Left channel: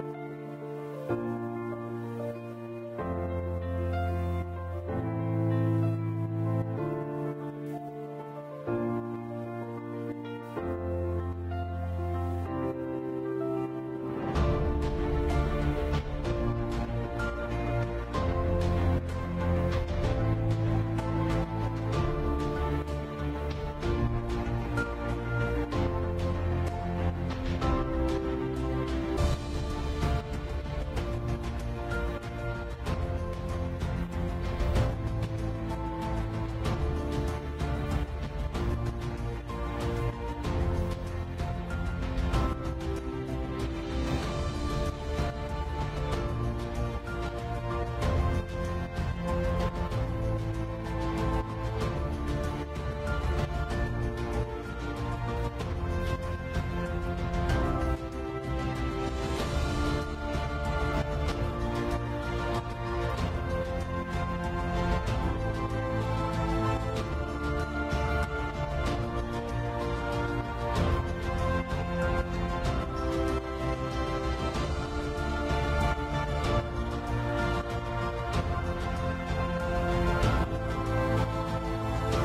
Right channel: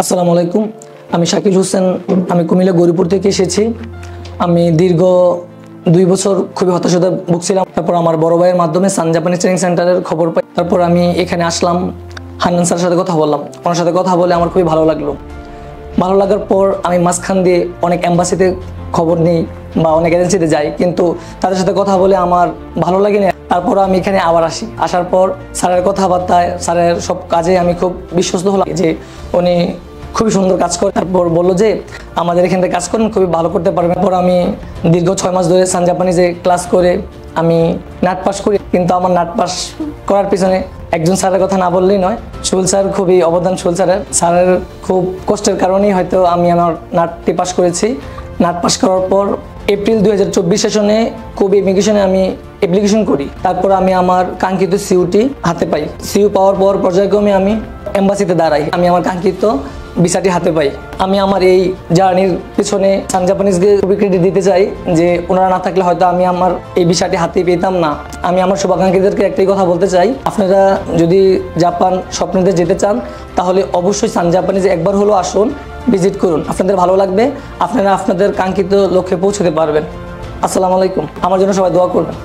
আসসালামু আলাইকুম। আমি শাকিল হোসেন। আমি কুমিল্লা গৌরীপুর থেকে এসেছি। আমি দীর্ঘ 2 বছর খুবই হতাশায় ভুগছিলাম। তারপর আমার বড় ভাইয়ের মাধ্যমে সান জাপানিজ ট্রেনিং সেন্টারের খবর পাই। তারপর আমি এখানে আসলাম, হান্নান স্যারের সাথে কথা বললাম। ওনার সাথে কথা বলে আমার খুবই ভালো লাগলো। ভালো লাগার পর আমি মাঝখান দিয়ে অনেক এম্বাসিতে খবর নিই বা অনেক এজেন্সিতে যাই, কিন্তু তাদের সাথে কথা বলে আমার ভালো লাগেনি। তারপর আমি এখানে আবার আসি। আসার পর স্যারের কথাবার্তায়, স্যারের সব কাজে আমি খুব বিশ্বস্ত হলাম যে উনি খুবই সুন্দর কাজ করে। তারপর বললো যে আমাদের এখান থেকে কাজ করেন, খুবই ভালো করতে পারবেন। তারপর আমি দীর্ঘ 6 মাস ধরে সান জাপানিজে ক্লাস করে আমি নাট পাস করি। কিন্তু আমার নাট পাস করার পিছনে একজন স্যারের কথা না বললেই নয়। সুল স্যার খুবই অবদান। স্যারের খুব কষ্টের কারণেই হয়তো আমি আমার নাটটি পাস করেছি। নাট পাস করার পর এপ্রিল 2024 সেশনে কোবি ইমিগ্রেশনে আমি অ্যাপ্লিকেশন করি। তারপর আমি আমার কাঙ্ক্ষিত সিইউটি হাতে পাই। সিইউ পাওয়ার পর পর্যায়ক্রমে আমি এম্বাসিতে দাঁড়াই। আমি আমার কাঙ্ক্ষিত ভিসাটি হাতে পাই। আমি আমার এই জার্নির পিছনে সান জাপানিজকে খুবই ক্রেডিট দিতে চাই যে ওনারা না থাকলে হয়তো আমি আমার এই ভিসাটি হাতে পেতাম না। আমি আমার শুভাকাঙ্ক্ষীদেরকে একটাই কথা বলতে চাই, আপনারা যদি জাপান স্বপ্নতে যেতে চান তাহলে অবশ্যই সান জাপানিজে একবার হলেও আসুন, ভিজিট করুন। আপনাদের ভালো লাগবে, আপনারা আপনাদের কাঙ্ক্ষিত লক্ষ্যে পৌঁছতে পারবেন। আসসালামু আলাইকুম। আমার জন্য সবাই দোয়া করবেন।